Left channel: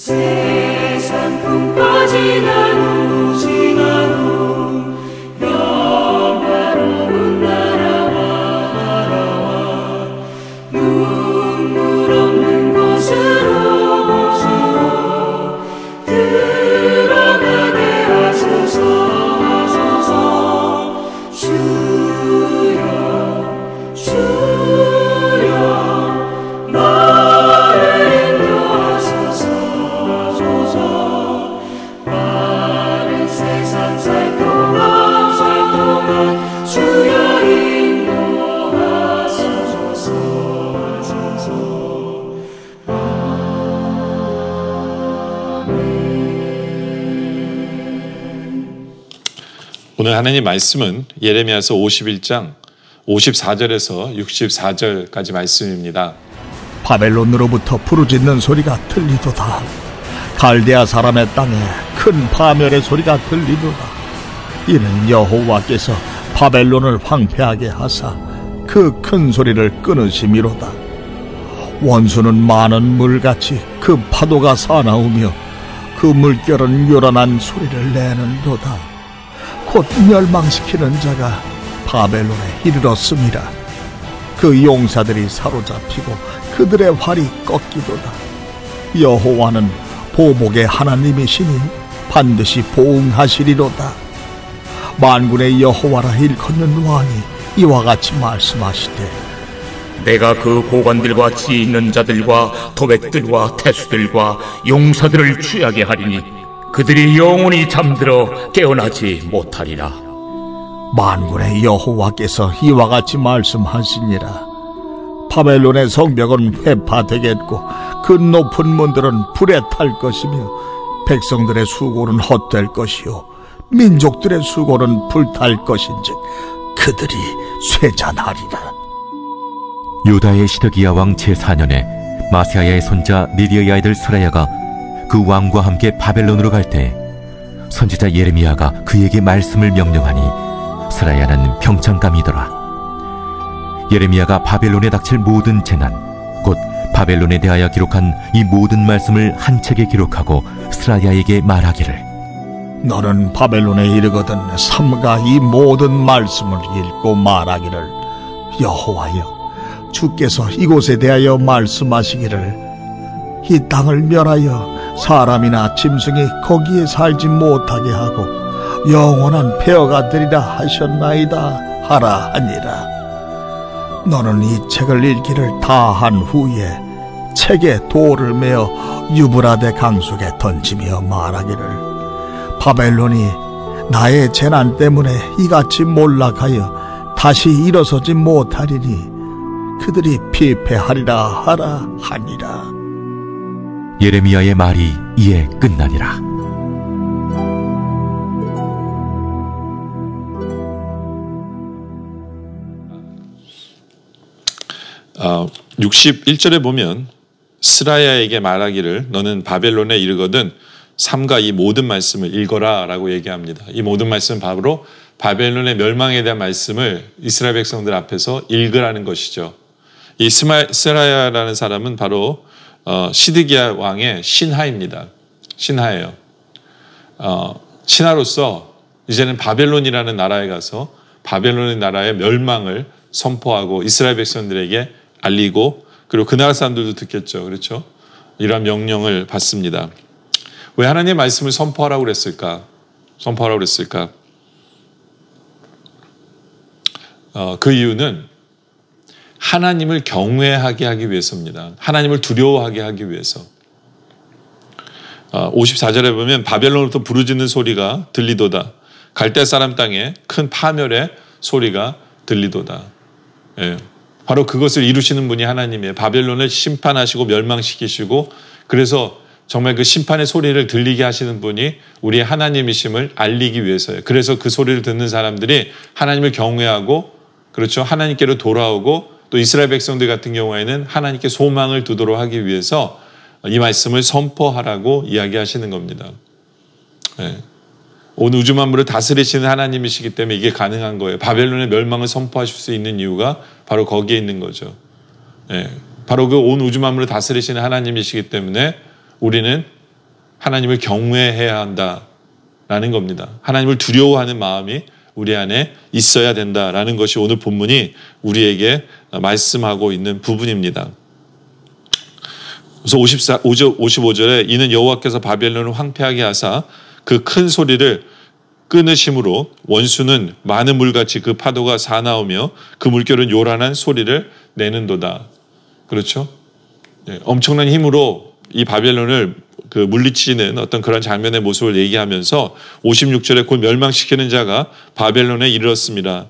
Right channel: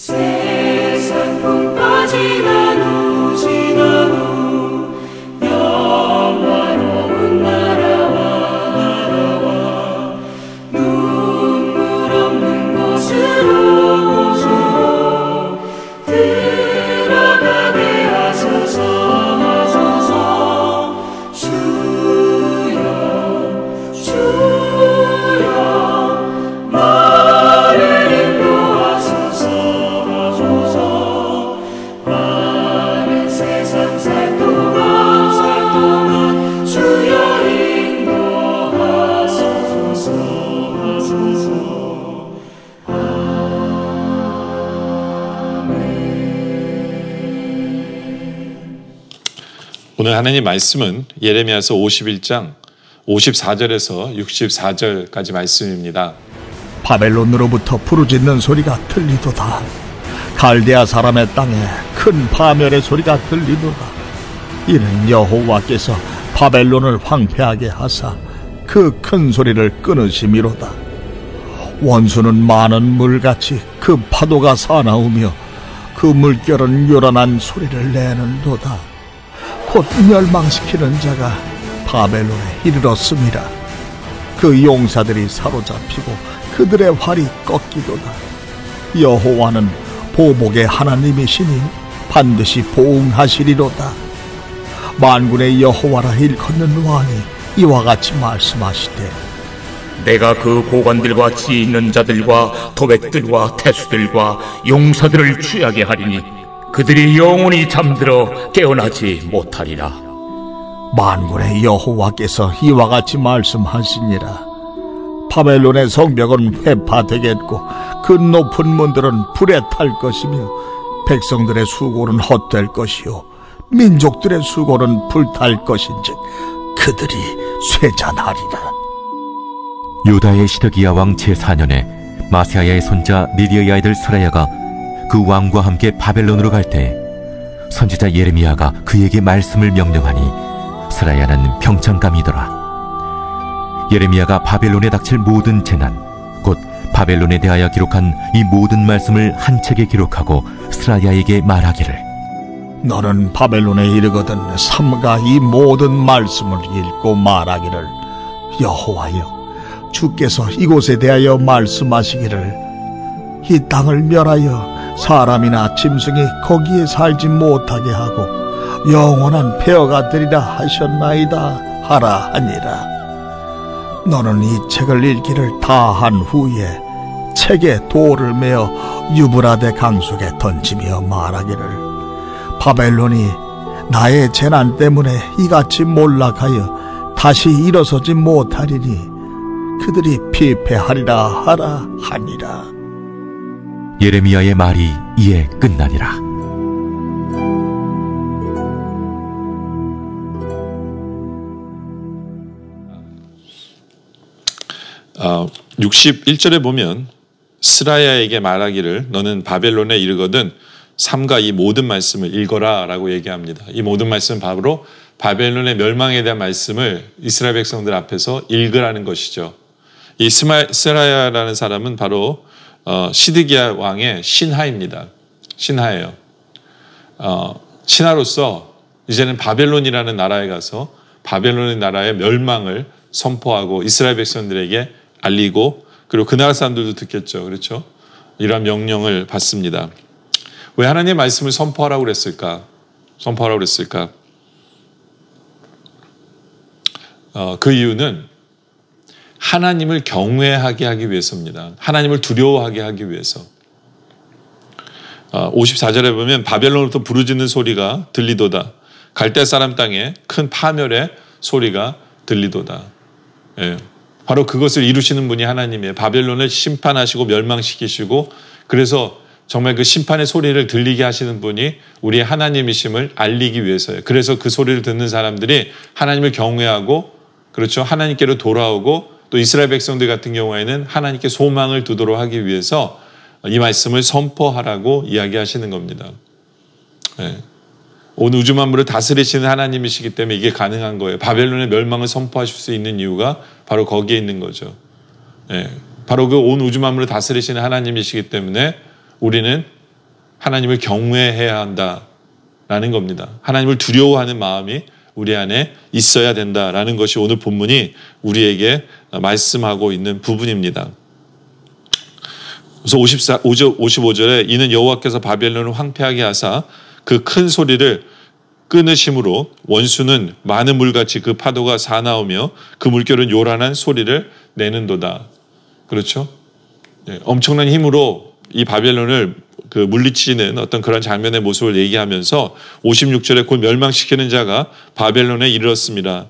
세상 풍파 지나도 영화로운 나라와 눈물 없는 곳으로 들어가게 하소서. 주여 나를 인도하소서. 많은 세상 살 동안 주여 인도하소서. 오늘 하나님 말씀은 예레미야서 51장 54절에서 64절까지 말씀입니다. 바벨론으로부터 부르짖는 소리가 들리도다. 갈대아 사람의 땅에 큰 파멸의 소리가 들리도다. 이는 여호와께서 바벨론을 황폐하게 하사 그 큰 소리를 끊으심이로다. 원수는 많은 물같이 그 파도가 사나우며 그 물결은 요란한 소리를 내는도다. 곧 멸망시키는 자가 바벨론에 이르렀음이라. 그 용사들이 사로잡히고 그들의 활이 꺾이도다. 여호와는 보복의 하나님이시니 반드시 보응하시리로다. 만군의 여호와라 일컫는 왕이 이와 같이 말씀하시되, 내가 그 고관들과 지혜 있는 자들과 도백들과 태수들과 용사들을 취하게 하리니 그들이 영원히 잠들어 깨어나지 못하리라. 만군의 여호와께서 이와 같이 말씀하시니라. 바벨론의 성벽은 회파되겠고 그 높은 문들은 불에 탈 것이며 백성들의 수고는 헛될 것이요 민족들의 수고는 불탈 것인즉 그들이 쇠잔하리라. 유다의 시드기야 왕 제4년에 마세야의 손자 니디의 아이들 스라야가 그 왕과 함께 바벨론으로 갈 때 선지자 예레미야가 그에게 말씀을 명령하니 스라야는 평창감이더라. 예레미야가 바벨론에 닥칠 모든 재난, 곧 바벨론에 대하여 기록한 이 모든 말씀을 한 책에 기록하고 스라야에게 말하기를, 너는 바벨론에 이르거든 삼가 이 모든 말씀을 읽고 말하기를, 여호와여 주께서 이곳에 대하여 말씀하시기를, 이 땅을 멸하여 사람이나 짐승이 거기에 살지 못하게 하고 영원한 폐허가 되리라 하셨나이다 하라 하니라. 너는 이 책을 읽기를 다 한 후에 책에 돌을 메어 유브라데 강 속에 던지며 말하기를, 바벨론이 나의 재난 때문에 이같이 몰락하여 다시 일어서지 못하리니 그들이 피폐하리라 하라 하니라. 예레미야의 말이 이에 끝나니라. 61절에 보면 스라야에게 말하기를 너는 바벨론에 이르거든 삼가 이 모든 말씀을 읽어라 라고 얘기합니다. 이 모든 말씀은 바로 바벨론의 멸망에 대한 말씀을 이스라엘 백성들 앞에서 읽으라는 것이죠. 이 스라야라는 사람은 바로 시드기야 왕의 신하입니다. 신하예요. 신하로서 이제는 바벨론이라는 나라에 가서 바벨론의 나라의 멸망을 선포하고 이스라엘 백성들에게 알리고, 그리고 그 나라 사람들도 듣겠죠. 그렇죠? 이러한 명령을 받습니다. 왜 하나님의 말씀을 선포하라고 그랬을까? 선포하라고 그랬을까? 그 이유는 하나님을 경외하게 하기 위해서입니다. 하나님을 두려워하게 하기 위해서. 54절에 보면 바벨론으로부터 부르짖는 소리가 들리도다. 갈대 사람 땅에 큰 파멸의 소리가 들리도다. 예. 바로 그것을 이루시는 분이 하나님이에요. 바벨론을 심판하시고 멸망시키시고, 그래서 정말 그 심판의 소리를 들리게 하시는 분이 우리의 하나님이심을 알리기 위해서예요. 그래서 그 소리를 듣는 사람들이 하나님을 경외하고, 그렇죠, 하나님께로 돌아오고, 또 이스라엘 백성들 같은 경우에는 하나님께 소망을 두도록 하기 위해서 이 말씀을 선포하라고 이야기하시는 겁니다. 예. 온 우주 만물을 다스리시는 하나님이시기 때문에 이게 가능한 거예요. 바벨론의 멸망을 선포하실 수 있는 이유가 바로 거기에 있는 거죠. 예. 바로 그 온 우주 만물을 다스리시는 하나님이시기 때문에 우리는 하나님을 경외해야 한다라는 겁니다. 하나님을 두려워하는 마음이 우리 안에 있어야 된다라는 것이 오늘 본문이 우리에게 말씀하고 있는 부분입니다. 그래서 55절에 이는 여호와께서 바벨론을 황폐하게 하사 그 큰 소리를 끊으심으로 원수는 많은 물같이 그 파도가 사나우며 그 물결은 요란한 소리를 내는도다. 그렇죠? 네, 엄청난 힘으로 이 바벨론을 물리치는 어떤 그런 장면의 모습을 얘기하면서 56절에 곧 멸망시키는 자가 바벨론에 이르렀습니다.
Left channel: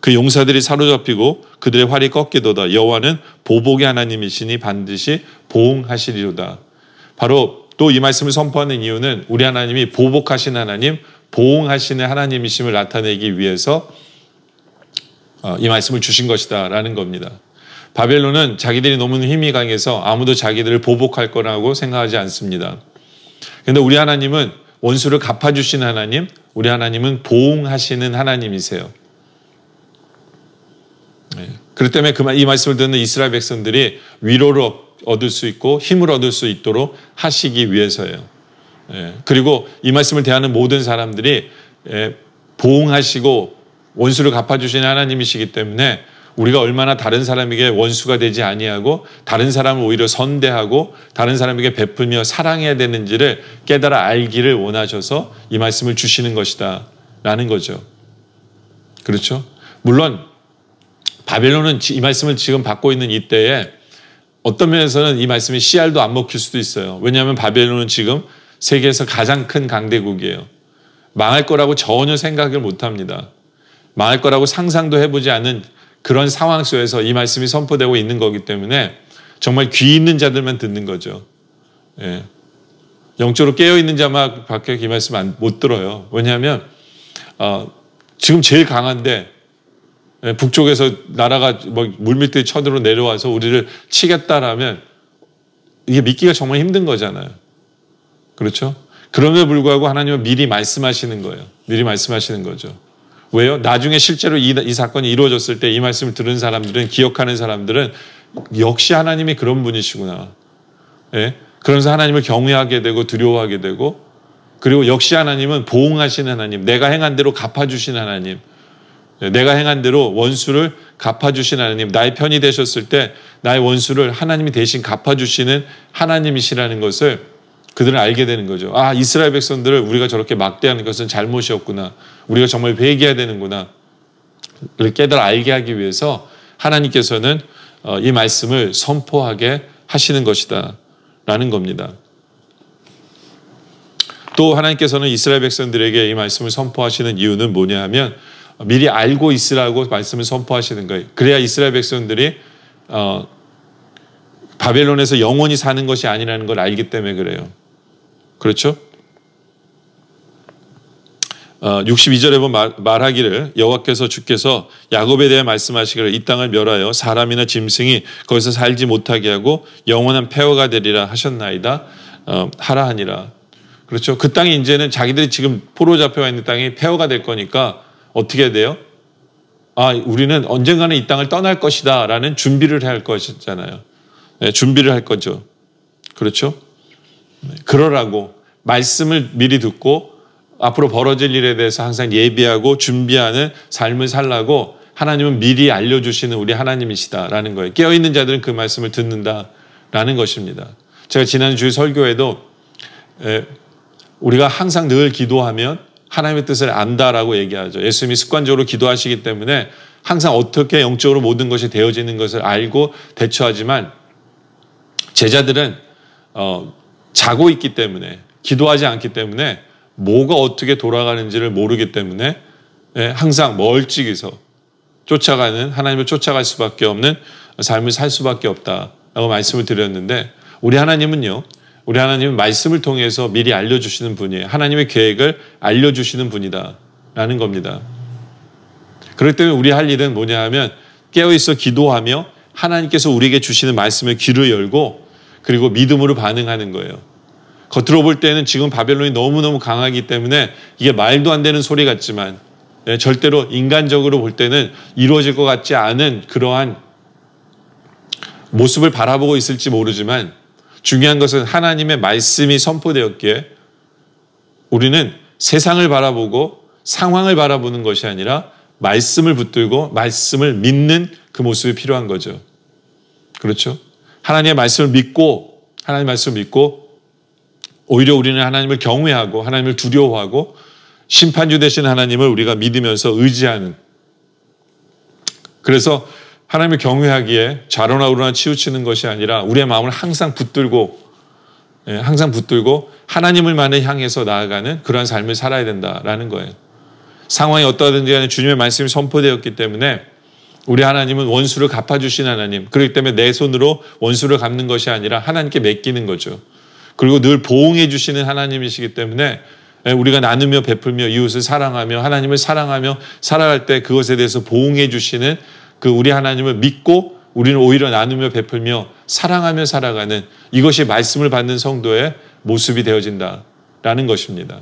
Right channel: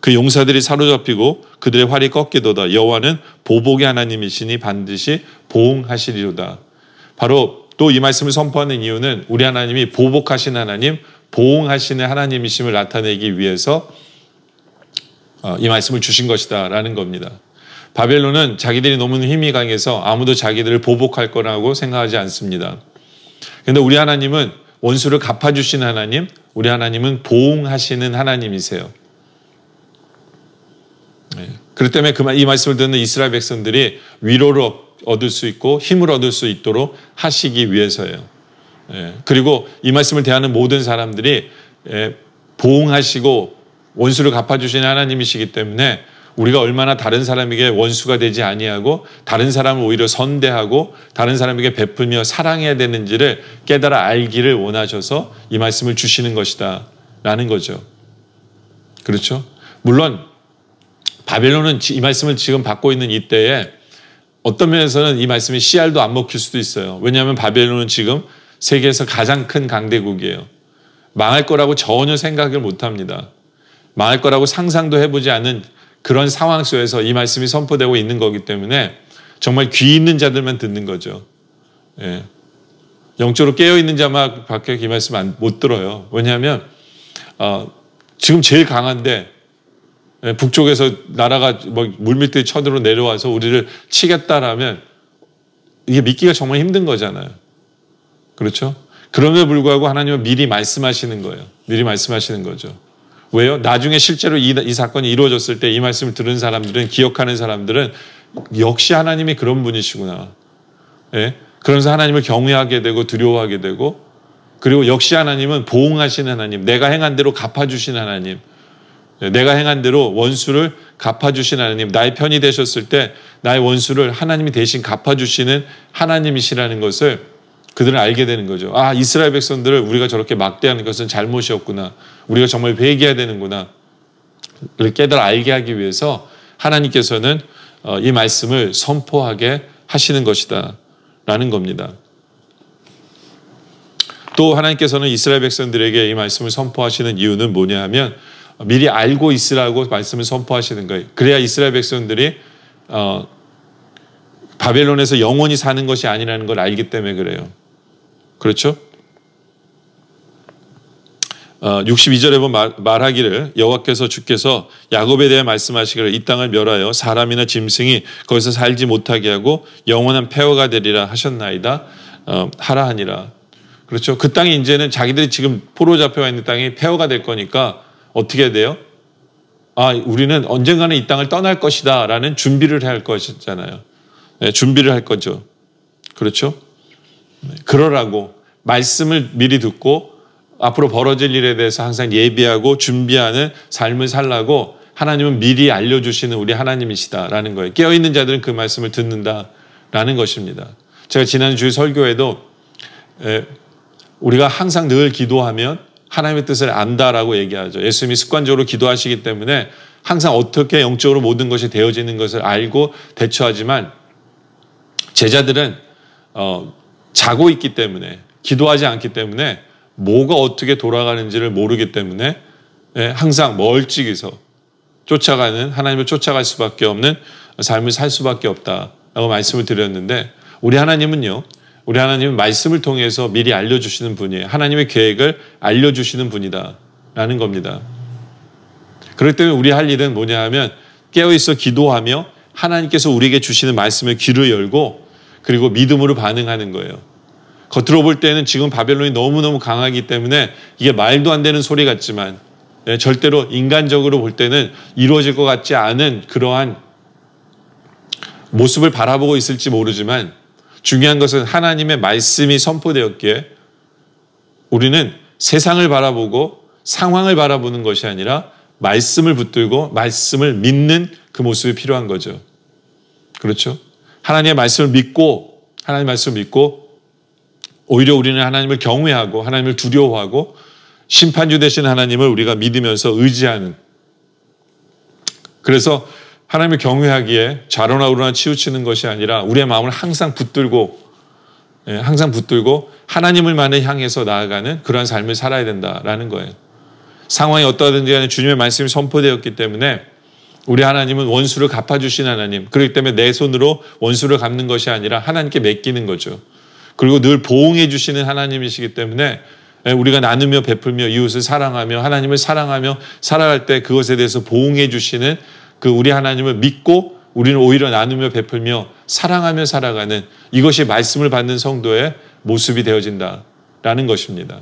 그 용사들이 사로잡히고 그들의 활이 꺾이도다. 여호와는 보복의 하나님이시니 반드시 보응하시리로다. 바로 또 이 말씀을 선포하는 이유는 우리 하나님이 보복하신 하나님, 보응하시는 하나님이심을 나타내기 위해서 이 말씀을 주신 것이다 라는 겁니다. 바벨론은 자기들이 너무 힘이 강해서 아무도 자기들을 보복할 거라고 생각하지 않습니다. 그런데 우리 하나님은 원수를 갚아주시는 하나님, 우리 하나님은 보응하시는 하나님이세요. 그렇기 때문에 이 말씀을 듣는 이스라엘 백성들이 위로를 얻을 수 있고 힘을 얻을 수 있도록 하시기 위해서예요. 그리고 이 말씀을 대하는 모든 사람들이 보응하시고 원수를 갚아주시는 하나님이시기 때문에 우리가 얼마나 다른 사람에게 원수가 되지 아니하고 다른 사람을 오히려 선대하고 다른 사람에게 베풀며 사랑해야 되는지를 깨달아 알기를 원하셔서 이 말씀을 주시는 것이다 라는 거죠. 그렇죠? 물론 바벨론은 이 말씀을 지금 받고 있는 이때에 어떤 면에서는 이 말씀이 씨알도 안 먹힐 수도 있어요. 왜냐하면 바벨론은 지금 세계에서 가장 큰 강대국이에요. 망할 거라고 전혀 생각을 못합니다. 망할 거라고 상상도 해보지 않은 그런 상황 속에서 이 말씀이 선포되고 있는 거기 때문에 정말 귀 있는 자들만 듣는 거죠. 영적으로 깨어있는 자만 밖에 이 말씀 못 들어요. 왜냐하면 지금 제일 강한데 북쪽에서 나라가 물밀듯이 쳐들어 내려와서 우리를 치겠다라면 이게 믿기가 정말 힘든 거잖아요. 그렇죠? 그럼에도 불구하고 하나님은 미리 말씀하시는 거예요. 미리 말씀하시는 거죠. 왜요? 나중에 실제로 이 사건이 이루어졌을 때 이 말씀을 들은 사람들은, 기억하는 사람들은 역시 하나님이 그런 분이시구나. 그러면서 하나님을 경외하게 되고 두려워하게 되고, 그리고 역시 하나님은 보응하시는 하나님, 내가 행한 대로 갚아주신 하나님, 내가 행한 대로 원수를 갚아주신 하나님, 나의 편이 되셨을 때 나의 원수를 하나님이 대신 갚아주시는 하나님이시라는 것을 그들은 알게 되는 거죠. 아, 이스라엘 백성들을 우리가 저렇게 막대하는 것은 잘못이었구나. 우리가 정말 회개해야 되는구나. 깨달아 알게 하기 위해서 하나님께서는 이 말씀을 선포하게 하시는 것이다 라는 겁니다. 또 하나님께서는 이스라엘 백성들에게 이 말씀을 선포하시는 이유는 뭐냐 하면 미리 알고 있으라고 말씀을 선포하시는 거예요. 그래야 이스라엘 백성들이 바벨론에서 영원히 사는 것이 아니라는 걸 알기 때문에 그래요. 그렇죠? 62절에 보면 말하기를 여호와께서 주께서 야곱에 대해 말씀하시기를 이 땅을 멸하여 사람이나 짐승이 거기서 살지 못하게 하고 영원한 폐허가 되리라 하셨나이다 하라 하니라. 그렇죠? 그 땅이 이제는 자기들이 지금 포로 잡혀와 있는 땅이 폐허가 될 거니까 어떻게 돼요? 아, 우리는 언젠가는 이 땅을 떠날 것이다 라는 준비를 해야 할 것이잖아요. 준비를 할 거죠. 그렇죠? 그러라고 말씀을 미리 듣고 앞으로 벌어질 일에 대해서 항상 예비하고 준비하는 삶을 살라고 하나님은 미리 알려주시는 우리 하나님이시다라는 거예요. 깨어있는 자들은 그 말씀을 듣는다라는 것입니다. 제가 지난주 설교에도 우리가 항상 늘 기도하면 하나님의 뜻을 안다라고 얘기하죠. 예수님이 습관적으로 기도하시기 때문에 항상 어떻게 영적으로 모든 것이 되어지는 것을 알고 대처하지만 제자들은 자고 있기 때문에, 기도하지 않기 때문에 뭐가 어떻게 돌아가는지를 모르기 때문에 항상 멀찍이서 쫓아가는, 하나님을 쫓아갈 수밖에 없는 삶을 살 수밖에 없다라고 말씀을 드렸는데, 우리 하나님은요, 우리 하나님은 말씀을 통해서 미리 알려주시는 분이에요. 하나님의 계획을 알려주시는 분이다라는 겁니다. 그렇기 때문에 우리 할 일은 뭐냐 하면 깨어있어 기도하며 하나님께서 우리에게 주시는 말씀에 귀를 열고 그리고 믿음으로 반응하는 거예요. 겉으로 볼 때는 지금 바벨론이 너무너무 강하기 때문에 이게 말도 안 되는 소리 같지만 절대로 인간적으로 볼 때는 이루어질 것 같지 않은 그러한 모습을 바라보고 있을지 모르지만 중요한 것은 하나님의 말씀이 선포되었기에 우리는 세상을 바라보고 상황을 바라보는 것이 아니라 말씀을 붙들고 말씀을 믿는 그 모습이 필요한 거죠. 그렇죠? 하나님의 말씀을 믿고 오히려 우리는 하나님을 경외하고 하나님을 두려워하고 심판주 되신 하나님을 우리가 믿으면서 의지하는, 그래서 하나님을 경외하기에 좌로나 우로나 치우치는 것이 아니라 우리의 마음을 항상 붙들고 하나님을만을 향해서 나아가는 그러한 삶을 살아야 된다라는 거예요. 상황이 어떠하든지 간에 주님의 말씀이 선포되었기 때문에 우리 하나님은 원수를 갚아주신 하나님, 그렇기 때문에 내 손으로 원수를 갚는 것이 아니라 하나님께 맡기는 거죠. 그리고 늘 보응해 주시는 하나님이시기 때문에 우리가 나누며 베풀며 이웃을 사랑하며 하나님을 사랑하며 살아갈 때 그것에 대해서 보응해 주시는 그 우리 하나님을 믿고 우리는 오히려 나누며 베풀며 사랑하며 살아가는, 이것이 말씀을 받는 성도의 모습이 되어진다라는 것입니다.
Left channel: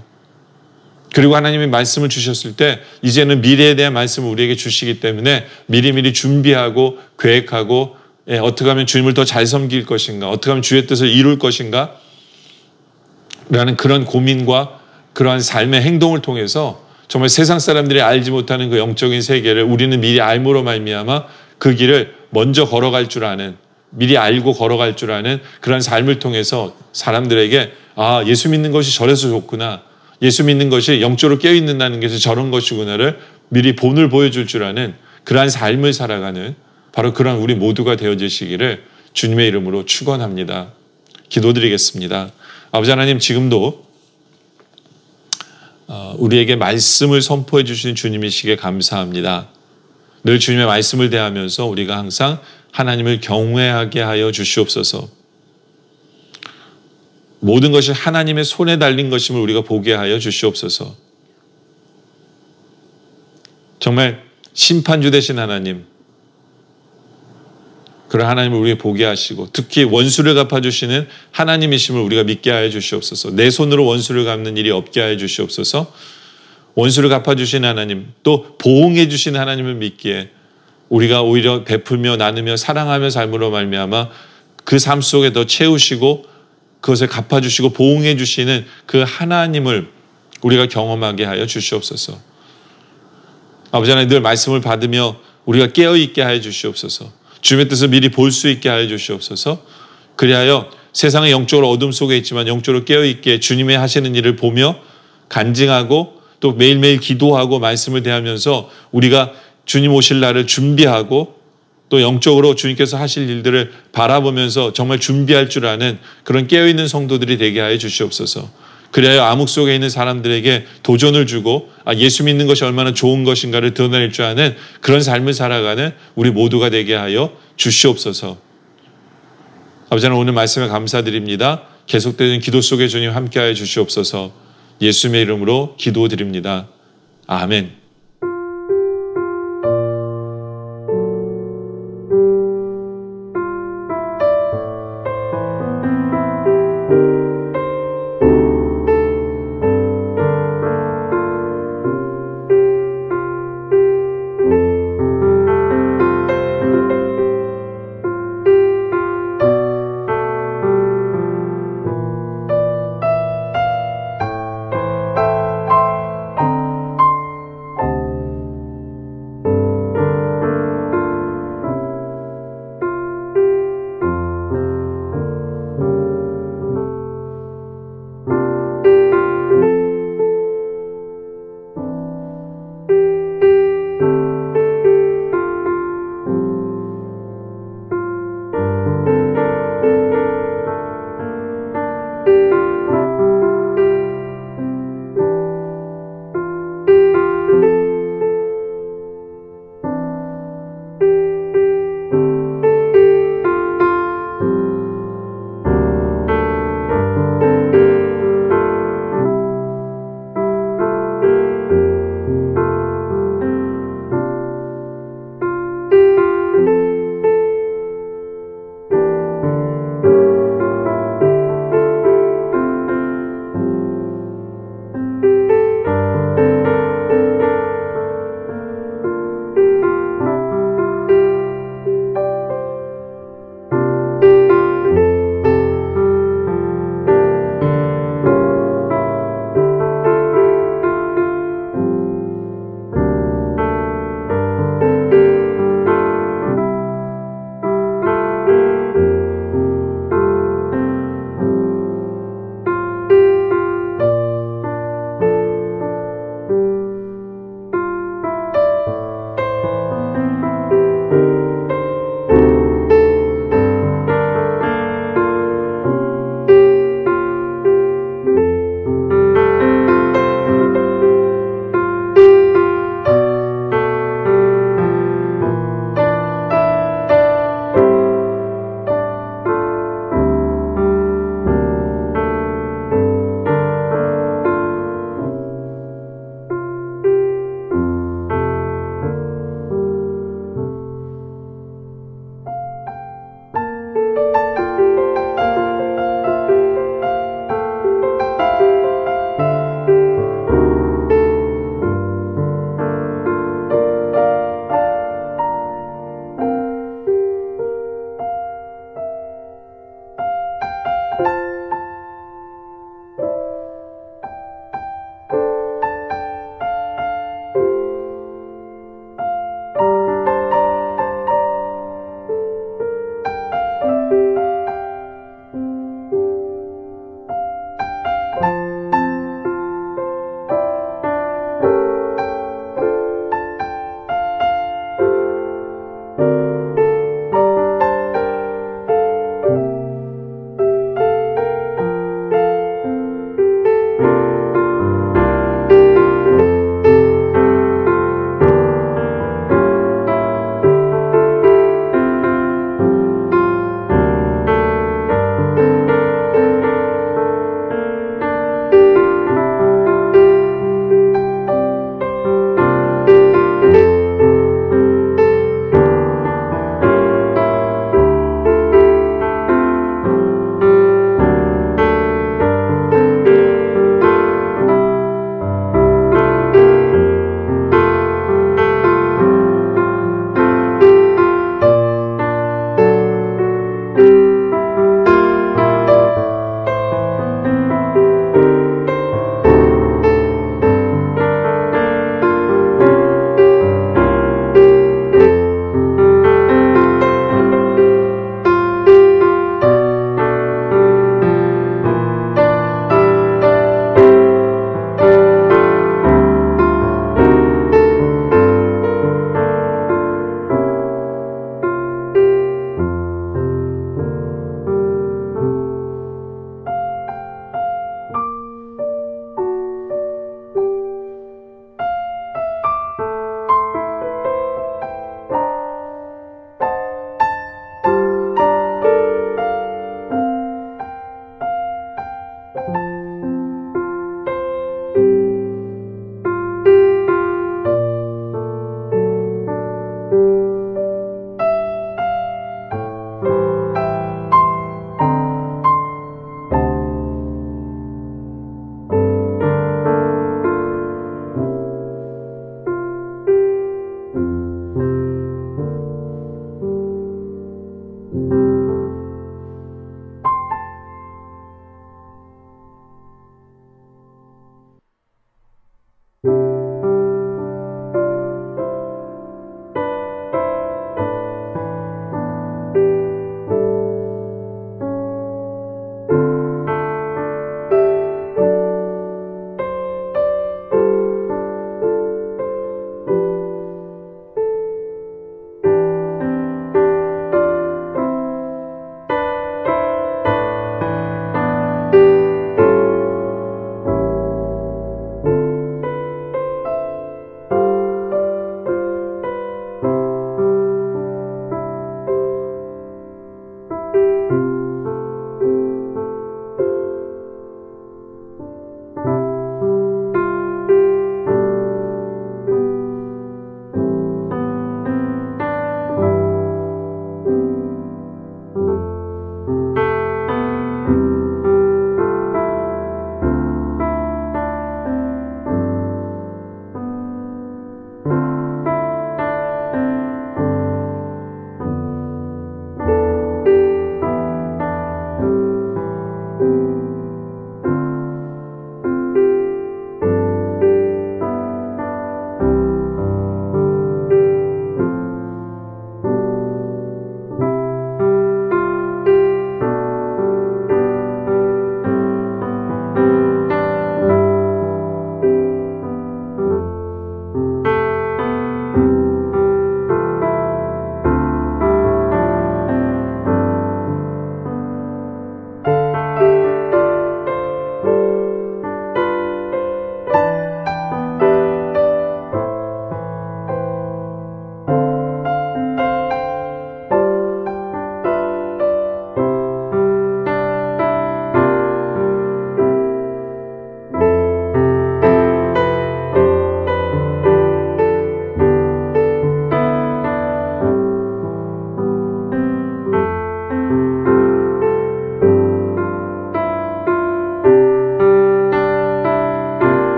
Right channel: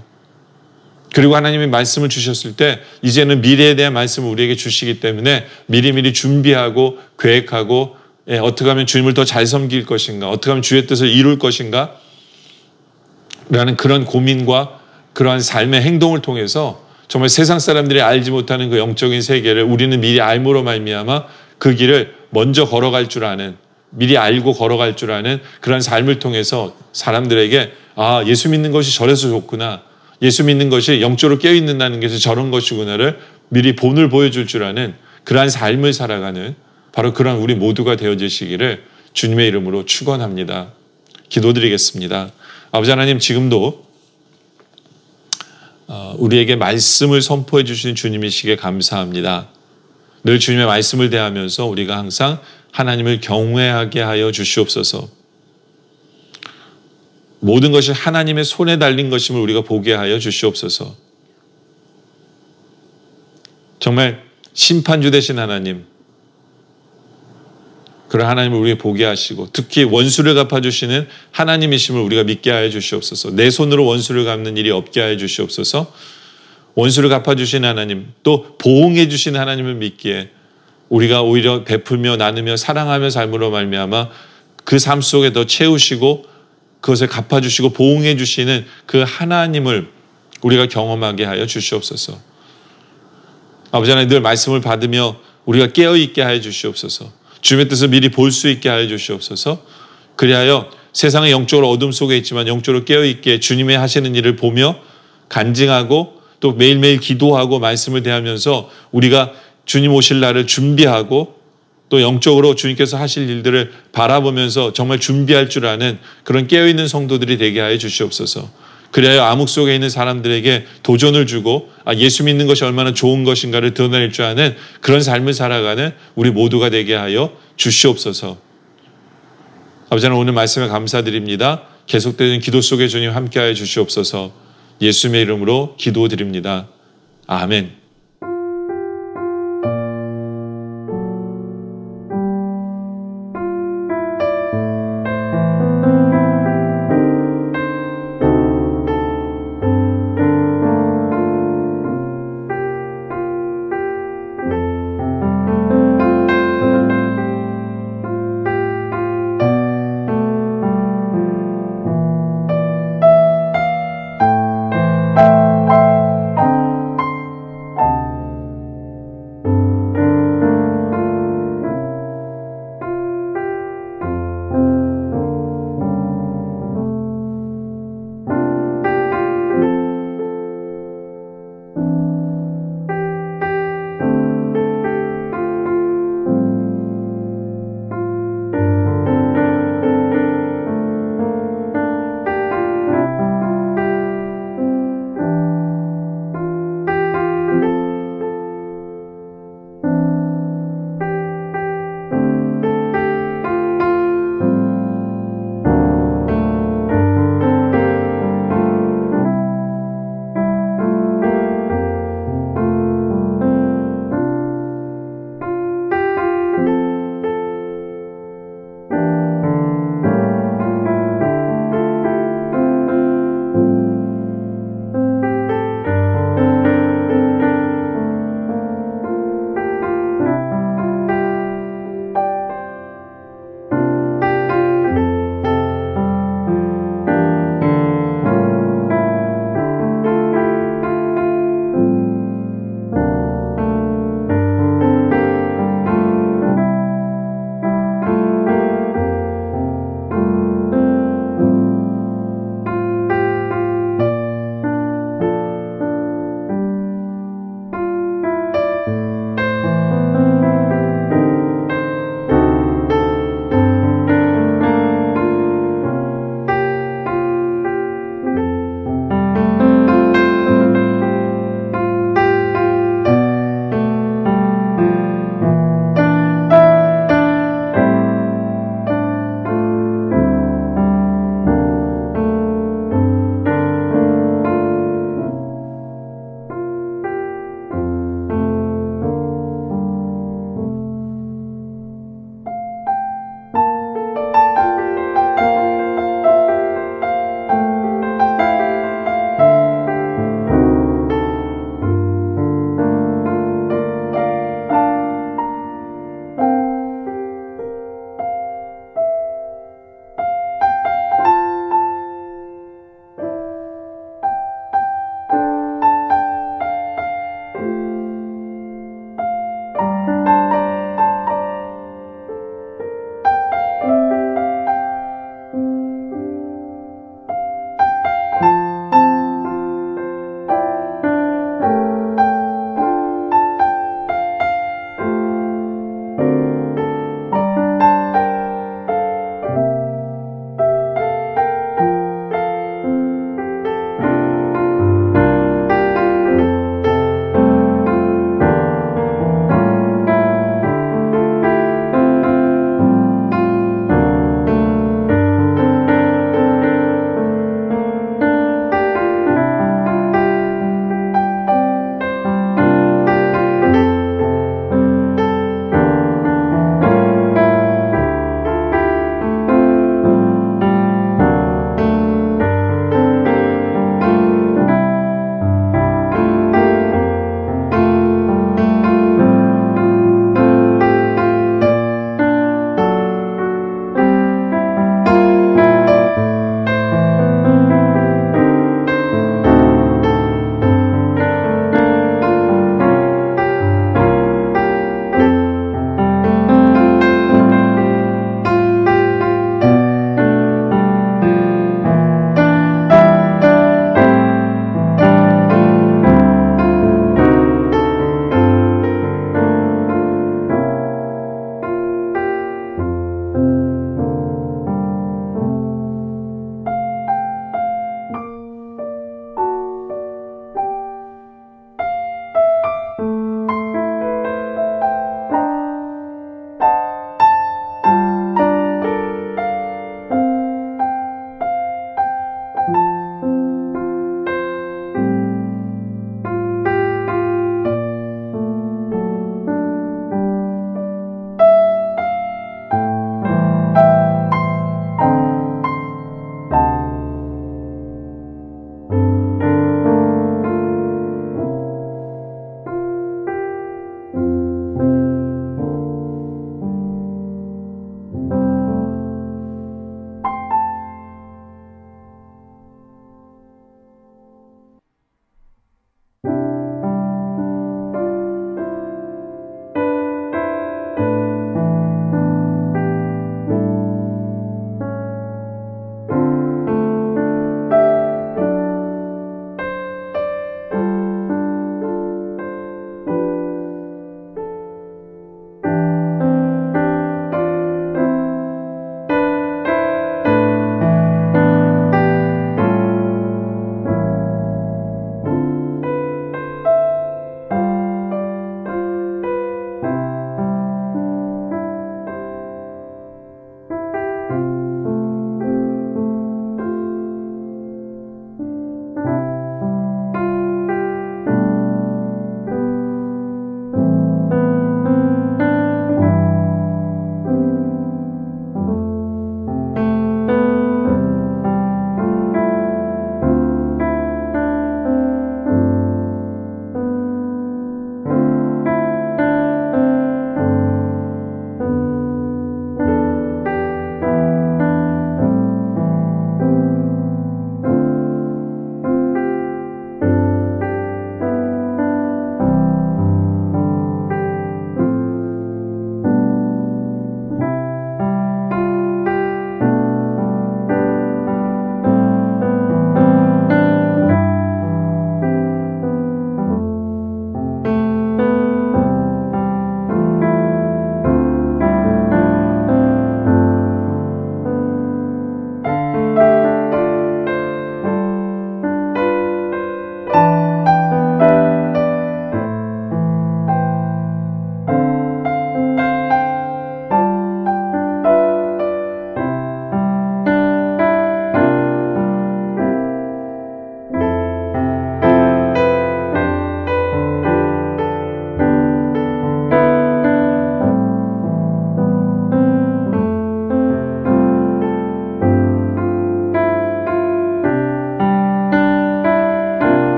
그리고 하나님이 말씀을 주셨을 때 이제는 미래에 대한 말씀을 우리에게 주시기 때문에 미리미리 준비하고 계획하고 어떻게 하면 주님을 더 잘 섬길 것인가, 어떻게 하면 주의 뜻을 이룰 것인가 라는 그런 고민과 그러한 삶의 행동을 통해서 정말 세상 사람들이 알지 못하는 그 영적인 세계를 우리는 미리 알므로 말미암아 그 길을 먼저 걸어갈 줄 아는, 미리 알고 걸어갈 줄 아는 그런 삶을 통해서 사람들에게 아, 예수 믿는 것이 저래서 좋구나, 예수 믿는 것이 영적으로 깨어있는다는 것이 저런 것이구나를 미리 본을 보여줄 줄 아는 그러한 삶을 살아가는 바로 그런 우리 모두가 되어지시기를 주님의 이름으로 축원합니다. 기도드리겠습니다. 아버지 하나님, 지금도 우리에게 말씀을 선포해 주시는 주님이시기에 감사합니다. 늘 주님의 말씀을 대하면서 우리가 항상 하나님을 경외하게 하여 주시옵소서. 모든 것이 하나님의 손에 달린 것임을 우리가 보게 하여 주시옵소서. 정말 심판주 되신 하나님, 그런 하나님을 우리에게 보게 하시고 특히 원수를 갚아주시는 하나님이심을 우리가 믿게 하여 주시옵소서. 내 손으로 원수를 갚는 일이 없게 하여 주시옵소서. 원수를 갚아주신 하나님, 또 보응해 주신 하나님을 믿기에 우리가 오히려 베풀며 나누며 사랑하며 삶으로 말미암아 그 삶 속에 더 채우시고 그것을 갚아주시고 보응해 주시는 그 하나님을 우리가 경험하게 하여 주시옵소서. 아버지 하나님, 늘 말씀을 받으며 우리가 깨어있게 하여 주시옵소서. 주님의 뜻을 미리 볼 수 있게 하여 주시옵소서. 그리하여 세상의 영적으로 어둠 속에 있지만 영적으로 깨어있게 주님의 하시는 일을 보며 간증하고 또 매일매일 기도하고 말씀을 대하면서 우리가 주님 오실 날을 준비하고 또 영적으로 주님께서 하실 일들을 바라보면서 정말 준비할 줄 아는 그런 깨어있는 성도들이 되게 하여 주시옵소서. 그래야 암흑 속에 있는 사람들에게 도전을 주고 예수 믿는 것이 얼마나 좋은 것인가를 드러낼 줄 아는 그런 삶을 살아가는 우리 모두가 되게 하여 주시옵소서. 아버지 하나님, 오늘 말씀에 감사드립니다. 계속되는 기도 속에 주님 함께하여 주시옵소서. 예수님의 이름으로 기도드립니다. 아멘.